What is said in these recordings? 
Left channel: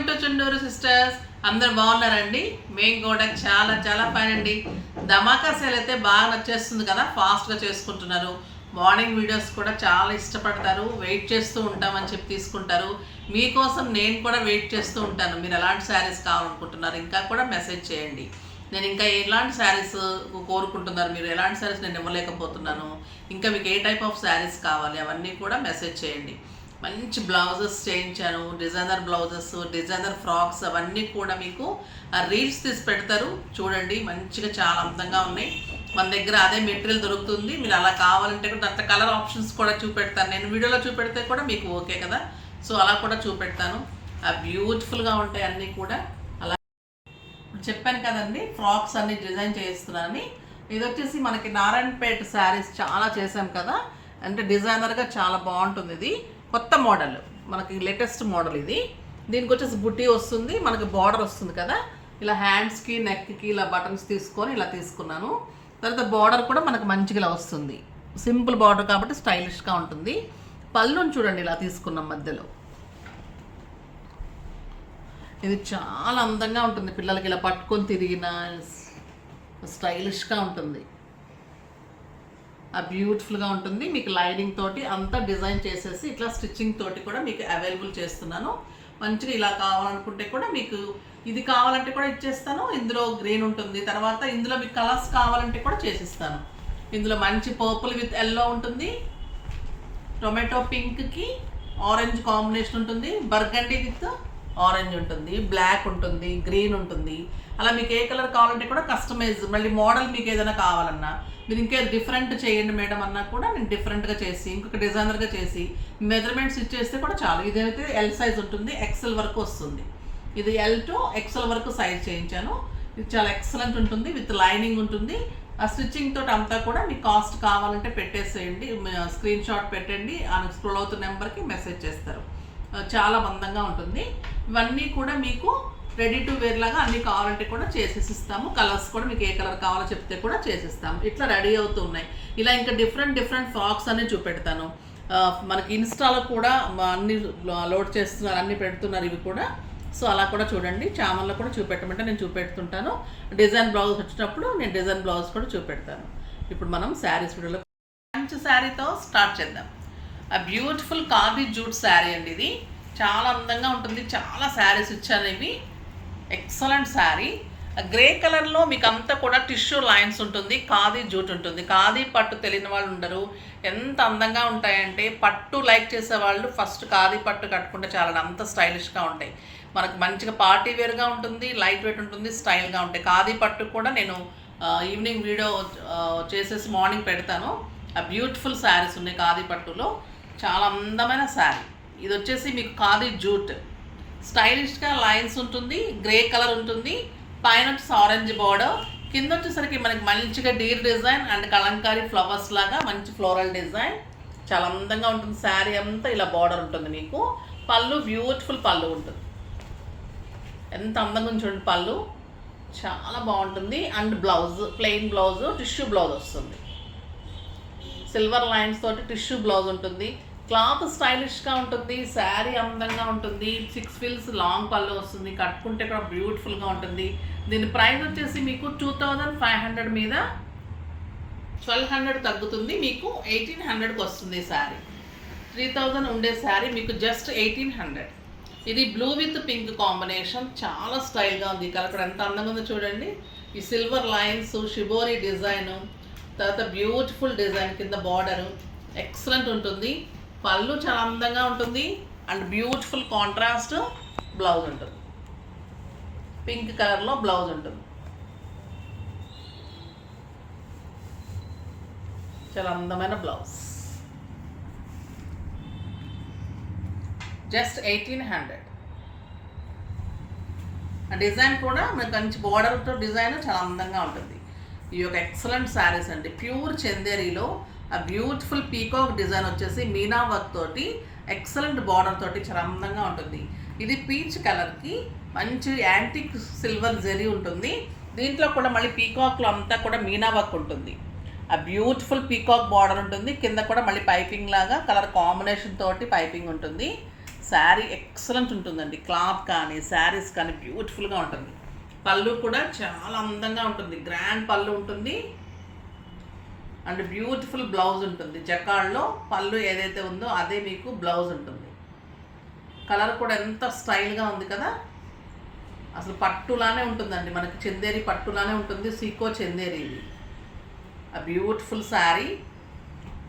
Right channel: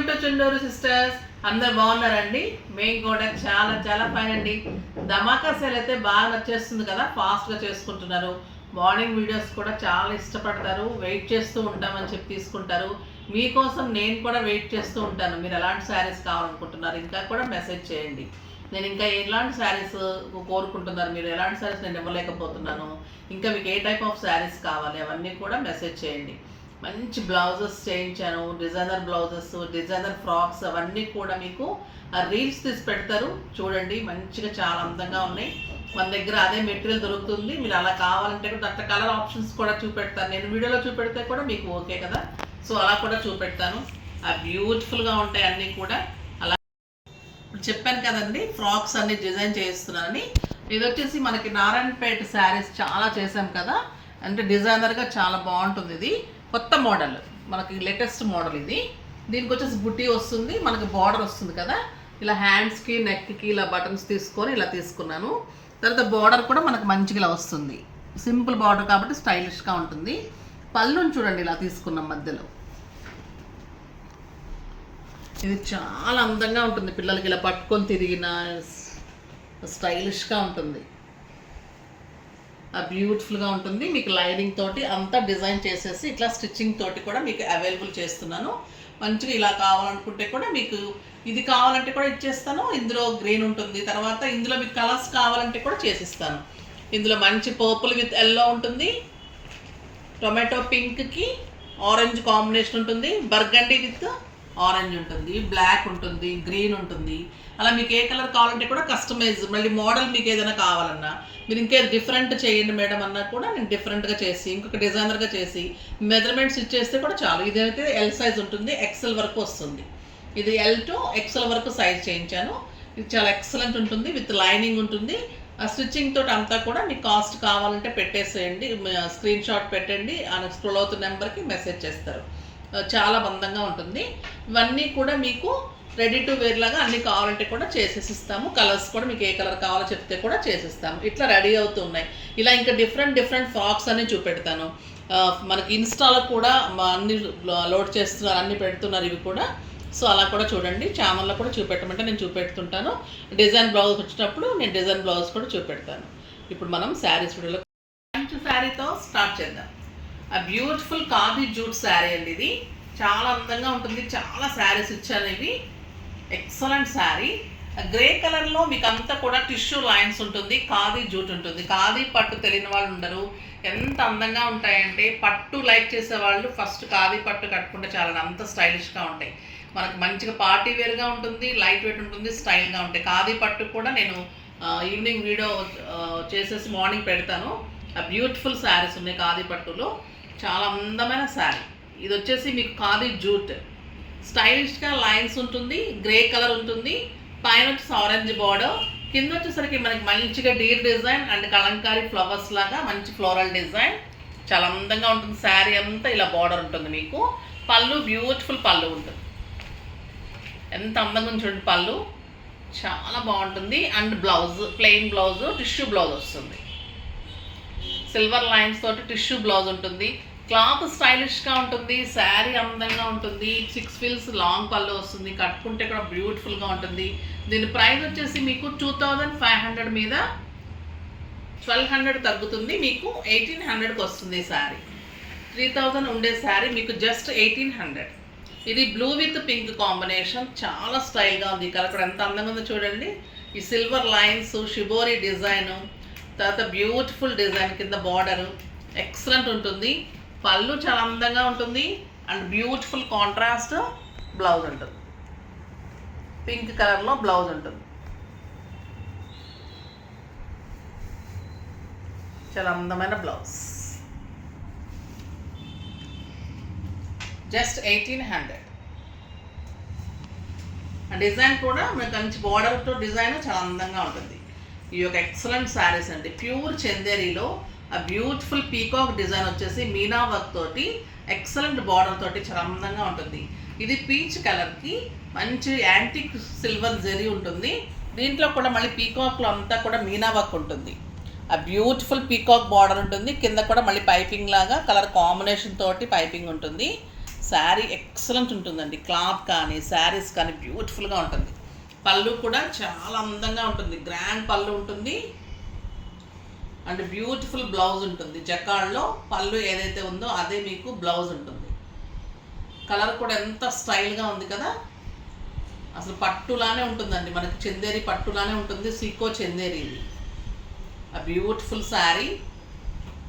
Welcome to Chunduru sisters. అందరు బాగున్నారండి? మేము కూడా చాలా చాలా ఫైన్ అండి. ధమాకా సేల్ అయితే బాగా నచ్చేస్తుంది కదా, ఫాస్ట్గా చేసుకుంటున్నారు. మార్నింగ్ వీడియోస్ కూడా చాలా ఇష్టపడతారు, వెయిట్ చేస్తూ ఉంటామని చెప్పి తీసుకుంటారు. మీకోసం నేను కూడా వెయిట్ చేస్తూ ఉంటాను. మీరు ఎలాంటి శారీస్ కావాలనుకుంటున్నారు ఇంకా కూడా మెసేజ్ చేయండి. నేను ఇంకా ఎలాంటి శారీస్ కోరుకుంటున్నారు, మీరు ఎలాంటి శారీస్ నేను ఇవ్వలేకపోతున్నాను, ఇంకా మీకు ఏ టైప్ ఆఫ్ శారీస్ కావాలి అవన్నీ కూడా మెసేజ్ చేయండి. మంచి బ్లౌజెస్ చేయించాను, డిజైనర్ బ్లౌజెస్, డిజైనర్ ఫ్రాక్స్ అవన్నీ కూడా మీకు రీల్స్ తీసి పెడతారు చూడండి. మంచిగా చాలా అందంగా ఉన్నాయి. మన దగ్గర అదే మెటీరియల్ దొరుకుతుంది. మీరు అలా కావాలంటే కూడా అట్లా కలర్ ఆప్షన్స్ కూడా చూపెడతాను. నేను వీడియోలో చూపెడితే కూడా మీకు ఓకే కదా, సో అలా కూడా చూపెడతాను. బ్యూటిఫుల్గా ఉంటాయి అన్నీ కూడా. అలా ఇప్పుడు చెప్పాను కదండి, ఫ్రాక్స్ అన్ని డిజైన్ చేయిస్తున్నానని. ఇది వచ్చేసి మనకి నారాయణపేట శారీస్ చాలా చేసాం కదా, అంటే డిజైనర్గా చాలా బాగుంటుంది. ఇది కొత్త మోడల్, మనకి లేటెస్ట్ మోడల్ ఇది. దీనికి వచ్చేసి బుట్టి వస్తుంది, మనకి బార్డర్ వస్తుంది కదా, ఇలా హ్యాండ్స్కి నెక్కి ఇలా బటన్స్ తీసుకొని ఇలా తీసుకున్నాను. తర్వాత బార్డర్ కూడా మనకు మంచిగా ఇలా వస్తుంది, సింపుల్ బార్డర్ కాబట్టి స్టైలిష్గా ఉంటుంది. పళ్ళుని చూడండి ఇలా తీసుకున్నాం మధ్యలో. ఇది చాలా అందంగా ఉంటుంది, పిల్లలకి ఇలా పట్టుకొని తిరిగిన స్టైలిష్గా ఉంటుంది. బ్యూటిఫుల్గా ఉంటుంది. మీకు లైనింగ్ తోటి అంతా డిజైన్ చేసేసి ఇట్లా స్టిచ్చింగ్ తోటి కూడా మీకు అవైలబుల్ చేస్తున్నాను. మంచిగా ఇలా కావాలనుకుంటే కూడా మీకు ఇది కావాలంటే కూడా ఇచ్చేస్తాను. ఇందులో గ్రీన్ ఉంటుంది, తర్వాత ఇందులో మీకు కలర్స్ కావాలంటే కూడా చేసిస్తాను. ఇందులో మంచి పర్పుల్ విత్ ఎల్లో ఉంటుంది, టొమాటో పింక్కి ఆరెంజ్ కాంబినేషన్ ఉంటుంది, బర్గండీ విత్ ఆరెంజ్ ఉంటుంది, బ్లాక్ ఉంటుంది, గ్రీన్ ఉంటుంది. అలా మీకు ఏ కలర్ కావాలంటే కూడా కస్టమైజ్, మళ్ళీ మోడల్ మీకు ఏదైనా కావాలన్నా మీరు ఇంకే డిఫరెంట్ చేయండి మేడం అన్నా కూడా నేను డిఫరెంట్గా చేసి ఇంకొక డిజైనర్గా చేసి మెజర్మెంట్స్ ఇచ్చేస్తే కూడా చాలు. ఇదైతే ఎల్ సైజ్ ఉంటుంది, ఎక్సెల్ వరకు వస్తుంది. ఇది ఎల్ టు ఎక్సెల్ వరకు సైజ్ చేయించాను. ఇది చాలా ఎక్సలెంట్ ఉంటుంది, విత్ లైనింగ్ ఉంటుంది. ఆ స్టిచ్చింగ్ తోటి అంతా కూడా మీకు కాస్ట్ కావాలంటే పెట్టేసేయండి, స్క్రీన్ షాట్ పెట్టండి, ఆ స్క్రోల్ అవుతున్న నెంబర్కి మెసేజ్ చేస్తారు. చాలా అందంగా ఉంటుంది. ఇవన్నీ కూడా మీకు రెడీ టు వేర్ లాగా అన్నీ కావాలంటే కూడా చేసేసి ఇస్తాము. కలర్స్ కూడా మీకు ఏ కలర్ కావాలో చెప్తే కూడా చేసిస్తాము. ఇట్లా రెడీ అవుతున్నాయి. ఇలా ఇంకా డిఫరెంట్ ఫ్రాక్స్ అన్నీ చూపెడతాను. మనకి ఇన్స్టాలో కూడా అన్ని లోడ్ చేస్తున్నారు, అన్నీ పెడుతున్నారు ఇవి కూడా. సో అలా కూడా చూడండి, ఛానల్లో కూడా చూపెట్టమంటే నేను చూపెడుతుంటాను. డిజైన్ బ్లౌజ్ వచ్చినప్పుడు నేను డిజైన్ బ్లౌజ్ కూడా చూపెడతాను. ఇప్పుడు మనం శారీస్ వీడియోలో మంచి శారీతో స్టార్ట్ చేద్దాం. బ్యూటిఫుల్ ఖాదీ జూట్ శారీ అండి. ఇది చాలా అందంగా ఉంటుంది. చాలా శారీస్ ఇచ్చాను ఇవి. ఎక్సలెంట్ శారీ. గ్రే కలర్లో మీకు అంతా కూడా టిష్యూ లైన్స్ ఉంటుంది, ఖాదీ జూట్ ఉంటుంది. ఖాదీ పట్టు తెలియని వాళ్ళు ఉండరు. ఎంత అందంగా ఉంటాయంటే పట్టు లైక్ చేసేవాళ్ళు ఫస్ట్ ఖాదీ పట్టు కట్టుకుంటే చాలా అంత స్టైలిష్గా ఉంటాయి. మనకు మంచిగా పార్టీ వేర్గా ఉంటుంది, లైట్ వెయిట్ ఉంటుంది, స్టైల్గా ఉంటాయి. ఖాదీ పట్టు కూడా నేను ఈవినింగ్ వీడియో చేసేసి మార్నింగ్ పెడతాను. బ్యూటిఫుల్ శారీస్ ఉన్నాయి ఖాదీ పట్టులో. చాలా అందమైన శారీ. ఇది వచ్చేసి మీకు ఖాదీ జూట్, స్టైలిష్గా లైన్స్ ఉంటుంది, గ్రే కలర్ ఉంటుంది, పైన వచ్చేసి ఆరెంజ్ బార్డర్, కింద వచ్చేసరికి మనకి మంచిగా Deere design and Kalamkari flowers లాగా మంచి ఫ్లోరల్ డిజైన్. చాలా అందంగా ఉంటుంది. శారీ అంతా ఇలా బార్డర్ ఉంటుంది. మీకు పళ్ళు బ్యూటిఫుల్ పళ్ళు ఉంటుంది. ఎంత అందంగా ఉంది చూడండి పళ్ళు, చాలా బాగుంటుంది. And blouse plain blouse, tissue blouse వస్తుంది. సిల్వర్ లైన్స్ తోటి టిష్యూ బ్లౌజ్ ఉంటుంది. క్లాత్ స్టైలిష్గా ఉంటుంది, శారీ అందంగా ఉంటుంది. 6 ఫీల్స్ లాంగ్ పళ్ళు వస్తుంది, కట్టుకుంటే కూడా బ్యూటిఫుల్గా ఉంటుంది. దీని ప్రైస్ వచ్చేసి మీకు 2500 మీద 1200 తగ్గుతుంది, మీకు 1800కి వస్తుంది. ఈ శారీ 3000 ఉండే శారీ మీకు జస్ట్ 1800. ఇది బ్లూ విత్ పింక్ కాంబినేషన్, చాలా స్టైల్గా ఉంది. ఈ కలర్ కూడా ఎంత అందంగా ఉందో చూడండి. ఈ సిల్వర్ లైన్స్, షిబోరీ డిజైను, తర్వాత బ్యూటిఫుల్ డిజైన్, కింద బార్డరు ఎక్సలెంట్ ఉంటుంది. పళ్ళు చాలా అందంగా ఉంటుంది అండ్ బ్యూటిఫుల్ కాంట్రాస్ట్ బ్లౌజ్ ఉంటుంది. పింక్ కలర్లో బ్లౌజ్ ఉంటుంది. చాలా అందమైన బ్లౌజ్, జస్ట్ 1800. ఆ డిజైన్ కూడా మనకు మంచి బార్డర్తో డిజైన్ చాలా అందంగా ఉంటుంది. ఈ యొక్క ఎక్సలెంట్ శారీస్ అండి. ప్యూర్ చందేరీలో బ్యూటిఫుల్ పీకాక్ డిజైన్ వచ్చేసి మీనా వర్క్ తోటి ఎక్సలెంట్ బార్డర్ తోటి చాలా అందంగా ఉంటుంది. ఇది పీచ్ కలర్కి మంచి యాంటిక్ సిల్వర్ జెరీ ఉంటుంది. దీంట్లో కూడా మళ్ళీ పీకాక్లో అంతా కూడా మీనా వర్క్ ఉంటుంది. బ్యూటిఫుల్ పీకాక్ బార్డర్ ఉంటుంది. కింద కూడా మళ్ళీ పైపింగ్ లాగా కలర్ కాంబినేషన్ తోటి పైపింగ్ ఉంటుంది. శారీ ఎక్సలెంట్ ఉంటుందండి. క్లాత్ కానీ శారీస్ కానీ బ్యూటిఫుల్గా ఉంటుంది. పళ్ళు కూడా చాలా అందంగా ఉంటుంది. గ్రాండ్ పళ్ళు ఉంటుంది అండ్ బ్యూటిఫుల్ బ్లౌజ్ ఉంటుంది. జకార్డ్లో పళ్ళు ఏదైతే ఉందో అదే మీకు బ్లౌజ్ ఉంటుంది. కలర్ కూడా ఎంత స్టైల్గా ఉంది కదా, అసలు పట్టులానే ఉంటుందండి. మనకి చందేరి పట్టులానే ఉంటుంది. సీకో చందేరి ఇది. ఆ బ్యూటిఫుల్ శారీ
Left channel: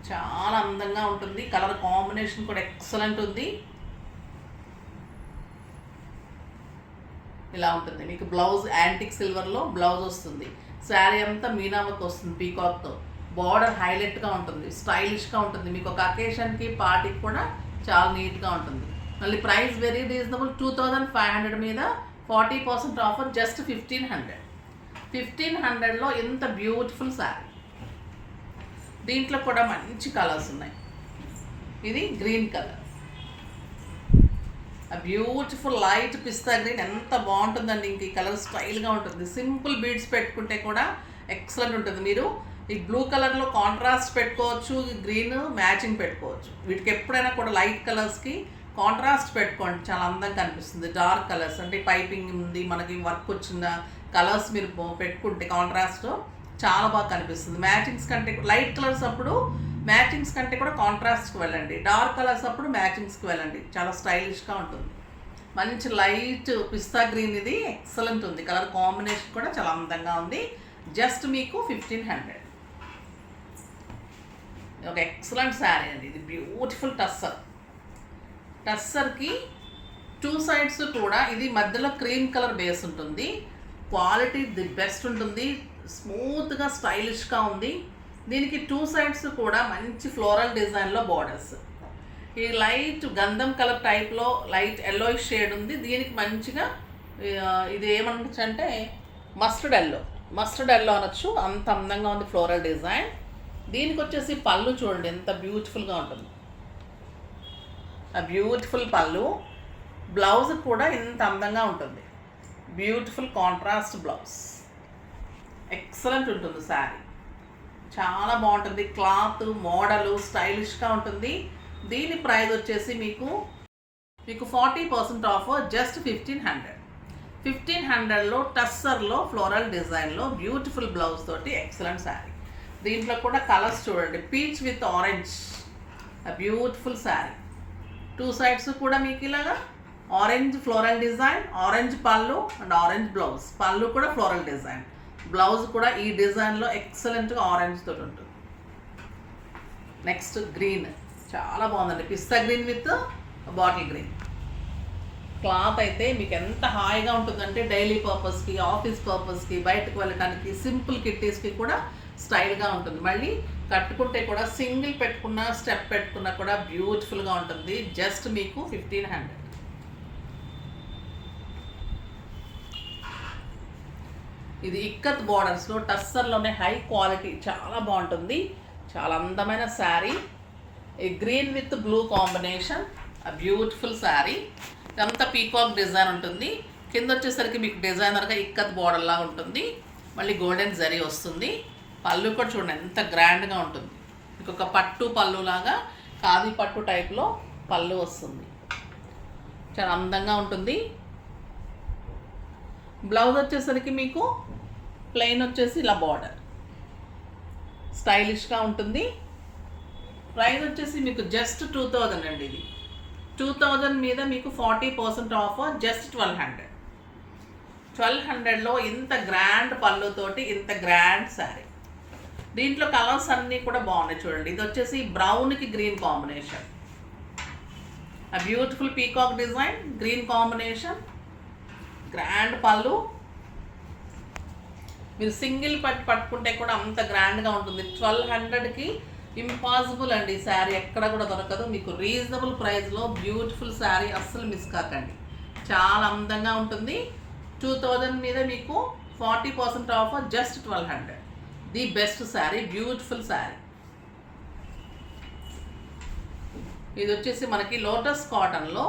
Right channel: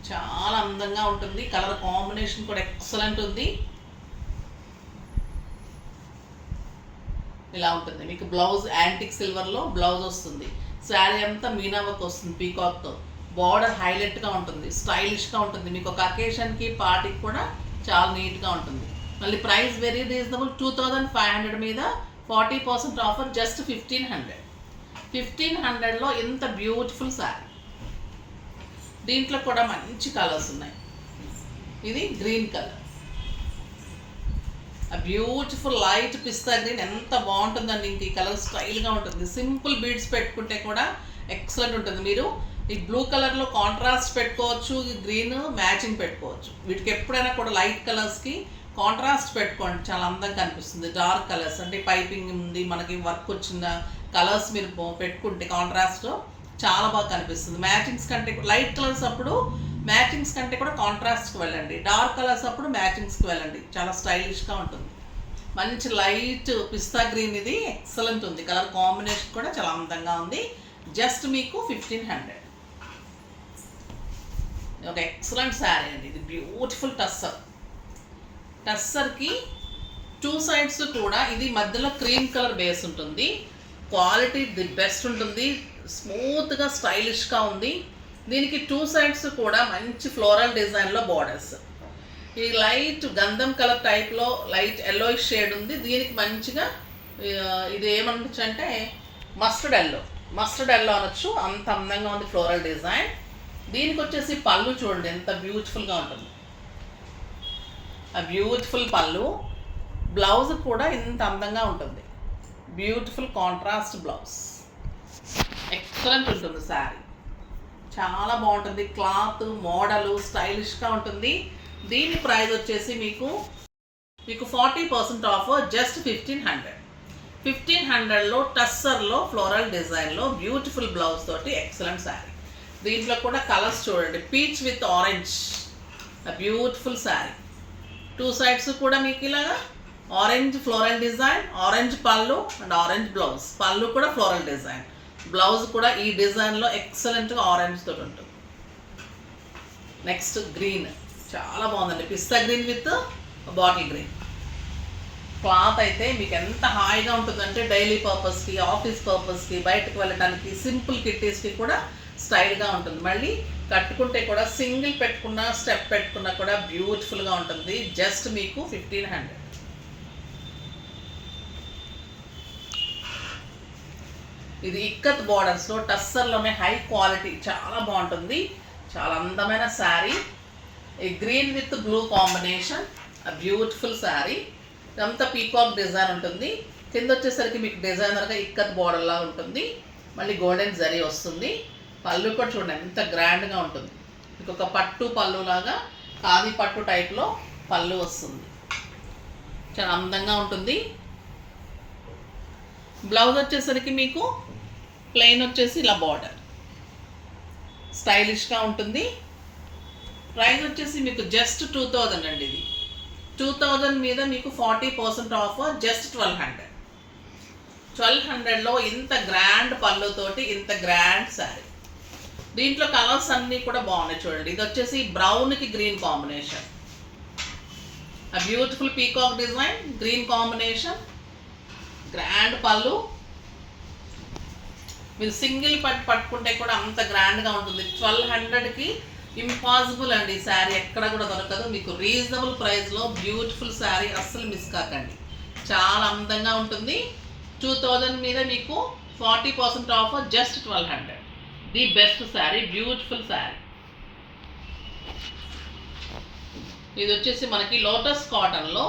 చాలా అందంగా ఉంటుంది. కలర్ కాంబినేషన్ కూడా ఎక్సలెంట్ ఉంది. ఇలా ఉంటుంది. మీకు బ్లౌజ్ యాంటిక్ సిల్వర్లో బ్లౌజ్ వస్తుంది. శారీ అంతా మీనా వర్క్ వస్తుంది పీకాక్తో. బార్డర్ హైలైట్గా ఉంటుంది, స్టైలిష్గా ఉంటుంది. మీకు ఒక అకేషన్కి పార్టీకి కూడా చాలా నీట్గా ఉంటుంది. మళ్ళీ ప్రైస్ వెరీ రీజనబుల్. 2500 మీద 40% ఆఫర్, జస్ట్ 1500. 1500లో ఇంత బ్యూటిఫుల్ శారీ. దీంట్లో కూడా మంచి కలర్స్ ఉన్నాయి. ఇది గ్రీన్ కలర్, ఆ బ్యూటిఫుల్ లైట్ పిస్తా గ్రీన్ ఎంత బాగుంటుందండి. ఇంక ఈ కలర్ స్టైల్గా ఉంటుంది. సింపుల్ బీడ్స్ పెట్టుకుంటే కూడా ఎక్సలెంట్ ఉంటుంది. మీరు ఈ బ్లూ కలర్లో కాంట్రాస్ట్ పెట్టుకోవచ్చు, గ్రీన్ మ్యాచింగ్ పెట్టుకోవచ్చు. వీటికి ఎప్పుడైనా కూడా లైట్ కలర్స్కి కాంట్రాస్ట్ పెట్టుకోండి, చాలా అందంగా కనిపిస్తుంది. డార్క్ కలర్స్ అంటే పైపింగ్ ఉంది, మనకి వర్క్ వచ్చిన కలర్స్ మీరు పెట్టుకుంటే కాంట్రాస్ట్ చాలా బాగా కనిపిస్తుంది. మ్యాచింగ్స్ కంటే లైట్ కలర్స్ అప్పుడు మ్యాచింగ్స్ కంటే కూడా కాంట్రాస్ట్కి వెళ్ళండి. డార్క్ కలర్స్ అప్పుడు మ్యాచింగ్స్కి వెళ్ళండి. చాలా స్టైలిష్గా ఉంటుంది. మంచి లైట్ పిస్తా గ్రీన్ ఇది ఎక్సలెంట్ ఉంది. కలర్ కాంబినేషన్ కూడా చాలా అందంగా ఉంది. జస్ట్ మీకు 1500. ఒక ఎక్సలెంట్ శారీ అండి ఇది. బ్యూటిఫుల్ టస్సర్. టస్సర్కి 2 సైడ్స్ కూడా ఇది మధ్యలో క్రీమ్ కలర్ బేస్ ఉంటుంది. క్వాలిటీ ది బెస్ట్ ఉంటుంది. స్మూత్గా స్టైలిష్గా ఉంది. దీనికి 2 సైడ్స్ కూడా మంచి ఫ్లోరల్ డిజైన్లో బార్డర్స్. ఈ లైట్ గంధం కలర్ టైప్లో లైట్ ఎల్లోయిష్ షేడ్ ఉంది. దీనికి మంచిగా ఇది ఏమనొచ్చు అంటే మస్టర్డ్ ఎల్లో అనొచ్చు. అంత అందంగా ఉంది ఫ్లోరల్ డిజైన్. దీనికి వచ్చేసి పళ్ళు చూడండి ఎంత బ్యూటిఫుల్గా ఉంటుంది. ఆ బ్యూటిఫుల్ పళ్ళు. బ్లౌజ్ కూడా ఇంత అందంగా ఉంటుంది. Beautiful contrast blouse. ఎక్సలెంట్ ఉంటుంది శారీ. చాలా బాగుంటుంది. క్లాత్ మోడలు స్టైలిష్గా ఉంటుంది. దీని ప్రైస్ వచ్చేసి మీకు 40% ఆఫర్, జస్ట్ 1500. 1500లో టస్సర్లో ఫ్లోరల్ డిజైన్లో బ్యూటిఫుల్ బ్లౌజ్ తోటి ఎక్సలెంట్ శారీ. దీంట్లో కూడా కలర్స్ చూడండి. Peach with orange, beautiful sari. 2 sides కూడా మీకు ఇలాగా ఆరెంజ్ ఫ్లోరల్ డిజైన్, ఆరెంజ్ పళ్ళు అండ్ ఆరెంజ్ బ్లౌజ్. పళ్ళు కూడా ఫ్లోరల్ డిజైన్, బ్లౌజ్ కూడా ఈ డిజైన్లో ఎక్సలెంట్గా ఆరెంజ్ తోటి ఉంటుంది. నెక్స్ట్ గ్రీన్ చాలా బాగుందండి. పిస్తా green with bottle green. Cloth అయితే మీకు ఎంత హాయిగా ఉంటుందంటే డైలీ పర్పస్కి, ఆఫీస్ పర్పస్కి, బయటకు వెళ్ళడానికి, సింపుల్ కిట్టీస్కి కూడా స్టైల్గా ఉంటుంది. మళ్ళీ కట్టుకుంటే కూడా సింగిల్ పెట్టుకున్నా స్టెప్ పెట్టుకున్నా కూడా బ్యూటిఫుల్గా ఉంటుంది. జస్ట్ మీకు 1500. ఇది ఇక్కత్ బార్డర్స్లో టస్సర్లోనే హై క్వాలిటీ చాలా బాగుంటుంది. చాలా అందమైన శారీ. ఈ గ్రీన్ విత్ బ్లూ కాంబినేషన్, ఆ బ్యూటిఫుల్ శారీ. అంతా పీకాక్ డిజైన్ ఉంటుంది. కింద వచ్చేసరికి మీకు డిజైనర్గా ఇక్కత్ బార్డర్ లాగా ఉంటుంది. మళ్ళీ గోల్డెన్ జరీ వస్తుంది. పళ్ళు కూడా చూడండి ఎంత గ్రాండ్గా ఉంటుంది. మీకు ఒక పట్టు పళ్ళు లాగా ఖాదీ పట్టు టైప్లో పళ్ళు వస్తుంది. చాలా అందంగా ఉంటుంది. బ్లౌజ్ వచ్చేసరికి మీకు ప్లెయిన్ వచ్చేసి ఇలా బార్డర్ స్టైలిష్గా ఉంటుంది. ప్రైస్ వచ్చేసి మీకు జస్ట్ 2000 అండి. ఇది 2000 మీద మీకు 40% ఆఫర్, జస్ట్ 1200. 1200లో ఇంత గ్రాండ్ పళ్ళుతోటి ఇంత గ్రాండ్ శారీ. దీంట్లో కలర్స్ అన్నీ కూడా బాగున్నాయి చూడండి. ఇది వచ్చేసి బ్రౌన్కి గ్రీన్ కాంబినేషన్, ఆ beautiful peacock design, green combination, grand పళ్ళు. మీరు సింగిల్ పట్టుకుంటే కూడా అంత గ్రాండ్గా ఉంటుంది. 1200కి ఇంపాసిబుల్ అండి. శారీ ఎక్కడ కూడా దొరకదు. మీకు రీజనబుల్ ప్రైస్లో బ్యూటిఫుల్ శారీ అస్సలు మిస్ కాకండి. చాలా అందంగా ఉంటుంది. 2000 మీద మీకు 40% offer, just 1200. The best sari, beautiful sari. ఇది వచ్చేసి మనకి లోటస్ కాటన్లో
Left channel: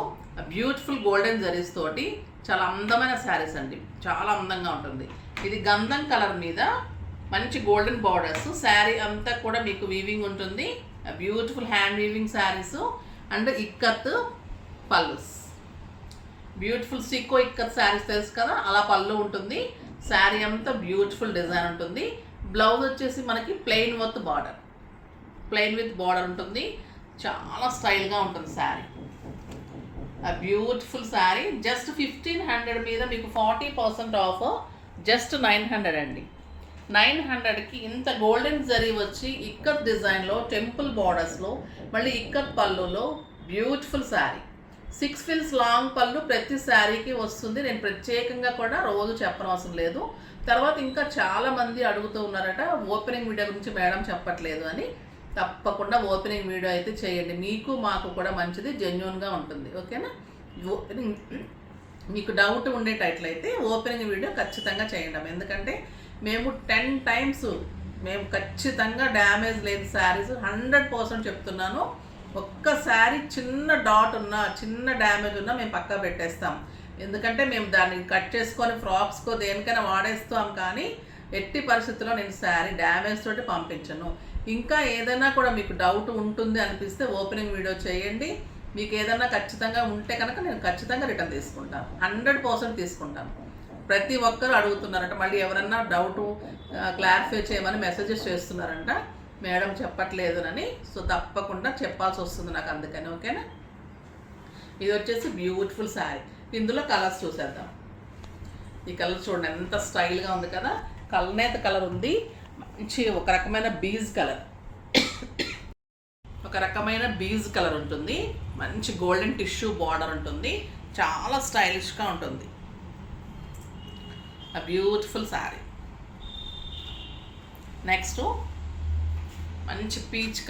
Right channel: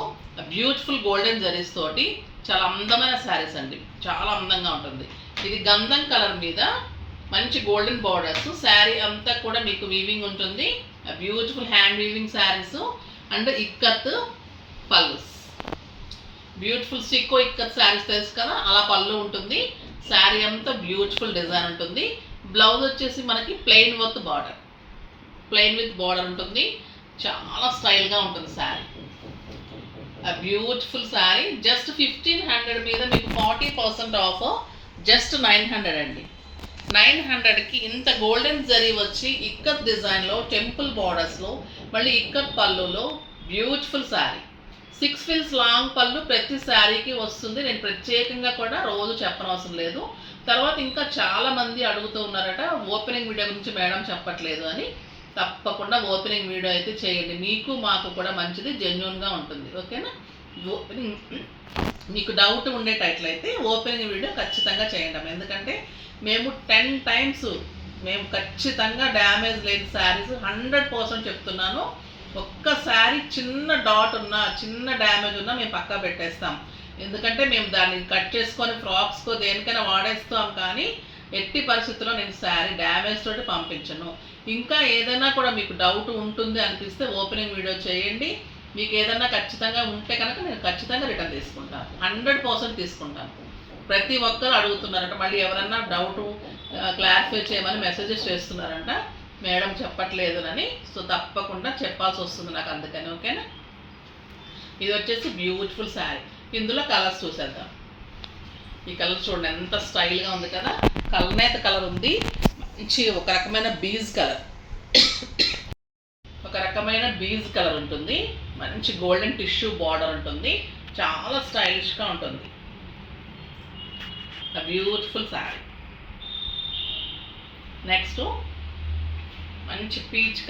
బ్యూటిఫుల్ గోల్డెన్ జరీస్ తోటి చాలా అందమైన శారీస్ అండి. చాలా అందంగా ఉంటుంది. ఇది గంధం కలర్ మీద మంచి గోల్డెన్ బార్డర్స్. శారీ అంతా కూడా మీకు వీవింగ్ ఉంటుంది. Beautiful hand weaving saris and ikat pallus. Beautiful సీకో ఇక్కత్ శారీస్ తెలుసు కదా, అలా పళ్ళు ఉంటుంది. శారీ అంతా బ్యూటిఫుల్ డిజైన్ ఉంటుంది. బ్లౌజ్ వచ్చేసి మనకి ప్లెయిన్ విత్ బార్డర్ ఉంటుంది. చాలా స్టైల్గా ఉంటుంది శారీ. ఆ బ్యూటిఫుల్ శారీ జస్ట్ 1500 మీద మీకు 40% ఆఫ్, జస్ట్ 900 అండి. 900కి ఇంత గోల్డెన్ జరీ వచ్చి ఇక్కత్ డిజైన్లో టెంపుల్ బార్డర్స్లో మళ్ళీ ఇక్కత్ పళ్ళులో బ్యూటిఫుల్ శారీ. 6 ఫిల్స్ లాంగ్ పళ్ళు ప్రతి శారీకి వస్తుంది. నేను ప్రత్యేకంగా కూడా రోజు చెప్పనవసరం లేదు. తర్వాత ఇంకా చాలామంది అడుగుతూ ఉన్నారట ఓపెనింగ్ వీడియో గురించి మేడం చెప్పట్లేదు అని. తప్పకుండా ఓపెనింగ్ వీడియో అయితే చేయండి, మీకు మాకు కూడా మంచిది, జెన్యూన్గా ఉంటుంది. ఓకేనా? ఓపెనింగ్ మీకు డౌట్ ఉండేటట్లయితే ఓపెనింగ్ వీడియో ఖచ్చితంగా చేయండి. ఎందుకంటే మేము 10 టైమ్స్ మేము ఖచ్చితంగా డ్యామేజ్ లేని శారీస్ 100% చెప్తున్నాను. ఒక్క శారీ చిన్న డాట్ ఉన్నా, చిన్న డ్యామేజ్ ఉన్నా మేము పక్కా పెట్టేస్తాం. ఎందుకంటే మేము దాన్ని కట్ చేసుకొని ఫ్రాక్స్కో దేనికైనా వాడేస్తాం, కానీ ఎట్టి పరిస్థితుల్లో నేను శారీ డ్యామేజ్ తోటి పంపించను. ఇంకా ఏదైనా కూడా మీకు డౌట్ ఉంటుంది అనిపిస్తే ఓపెనింగ్ వీడియో చేయండి. మీకు ఏదైనా ఖచ్చితంగా ఉంటే కనుక నేను ఖచ్చితంగా రిటర్న్ తీసుకుంటాను, 100% తీసుకుంటాను. ప్రతి ఒక్కరు అడుగుతున్నారంట, మళ్ళీ ఎవరన్నా డౌట్ క్లారిఫై చేయమని మెసేజెస్ చేస్తున్నారంట, మేడం చెప్పట్లేదునని. సో తప్పకుండా చెప్పాల్సి వస్తుంది నాకు, అందుకని. ఓకేనా? ఇది వచ్చేసి బ్యూటిఫుల్ శారీ. ఇందులో కలర్స్ చూసేద్దాం. ఈ కలర్ చూడండి ఎంత స్టైల్గా ఉంది కదా. కలనేత కలర్ ఉంది, మంచి ఒక రకమైన బీజ్ కలర్ ఉంటుంది. మంచి గోల్డెన్ టిష్యూ బార్డర్ ఉంటుంది. చాలా స్టైలిష్గా ఉంటుంది. ఆ బ్యూటిఫుల్ శారీ. నెక్స్ట్ మంచి పీచ్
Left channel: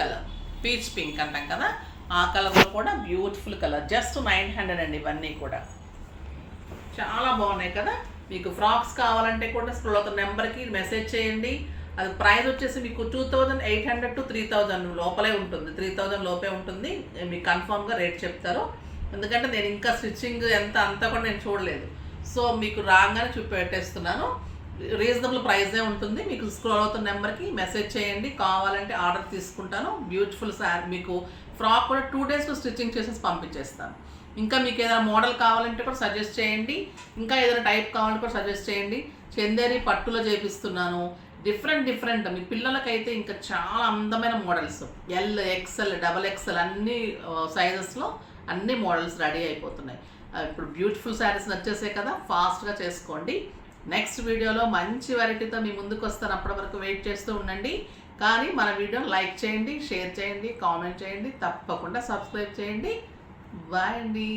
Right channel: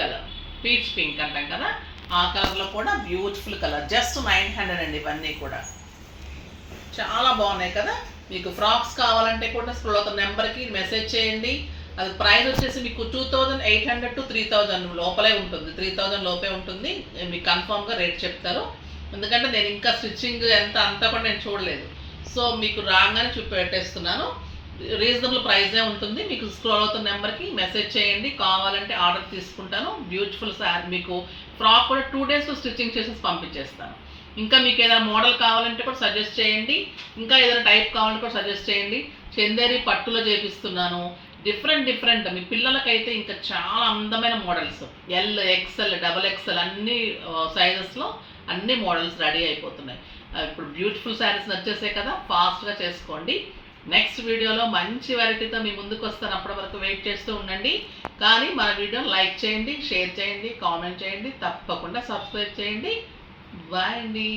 పింక్ అంటాం కదా, ఆ కలర్లో కూడా బ్యూటిఫుల్ కలర్. జస్ట్ 900 అండి. ఇవన్నీ కూడా చాలా బాగున్నాయి కదా. మీకు ఫ్రాక్స్ కావాలంటే కూడా స్క్రోల్ అవుతున్న నెంబర్కి మెసేజ్ చేయండి. అది ప్రైస్ వచ్చేసి మీకు 2800 to 3000 లోపలే ఉంటుంది, 3000 లోపే ఉంటుంది. మీకు కన్ఫామ్గా రేట్ చెప్తారు. ఎందుకంటే నేను ఇంకా స్టిచ్చింగ్ ఎంత అంతా కూడా నేను చూడలేదు. సో మీకు రాగానే పెట్టేస్తున్నాను. రీజనబుల్ ప్రైజే ఉంటుంది. మీకు స్క్రోల్ అవుతున్న నెంబర్కి మెసేజ్ చేయండి, కావాలంటే ఆర్డర్ తీసుకుంటాను. బ్యూటిఫుల్ శారీ. మీకు ఫ్రాక్ కూడా 2 డేస్లో స్టిచ్చింగ్ చేసేసి పంపించేస్తాను. ఇంకా మీకు ఏదైనా మోడల్ కావాలంటే కూడా సజెస్ట్ చేయండి. ఇంకా ఏదైనా టైప్ కావాలంటే కూడా సజెస్ట్ చేయండి. చందేరి పట్టులో చేపిస్తున్నాను. డిఫరెంట్ మీ పిల్లలకైతే ఇంకా చాలా అందమైన మోడల్స్, ఎల్, ఎక్స్ఎల్, XXL అన్ని సైజెస్లో అన్ని మోడల్స్ రెడీ అయిపోతున్నాయి. ఇప్పుడు బ్యూటిఫుల్ శారీస్ నచ్చేసాయి కదా, ఫాస్ట్గా చేసుకోండి. నెక్స్ట్ వీడియోలో మంచి వెరైటీతో మీ ముందుకు వస్తాను. అప్పటి వరకు వెయిట్ చేస్తూ ఉండండి. కానీ మన వీడియోని లైక్ చేయండి, షేర్ చేయండి, కామెంట్ చేయండి, తప్పకుండా సబ్స్క్రైబ్ చేయండి. బాయ్ అండి.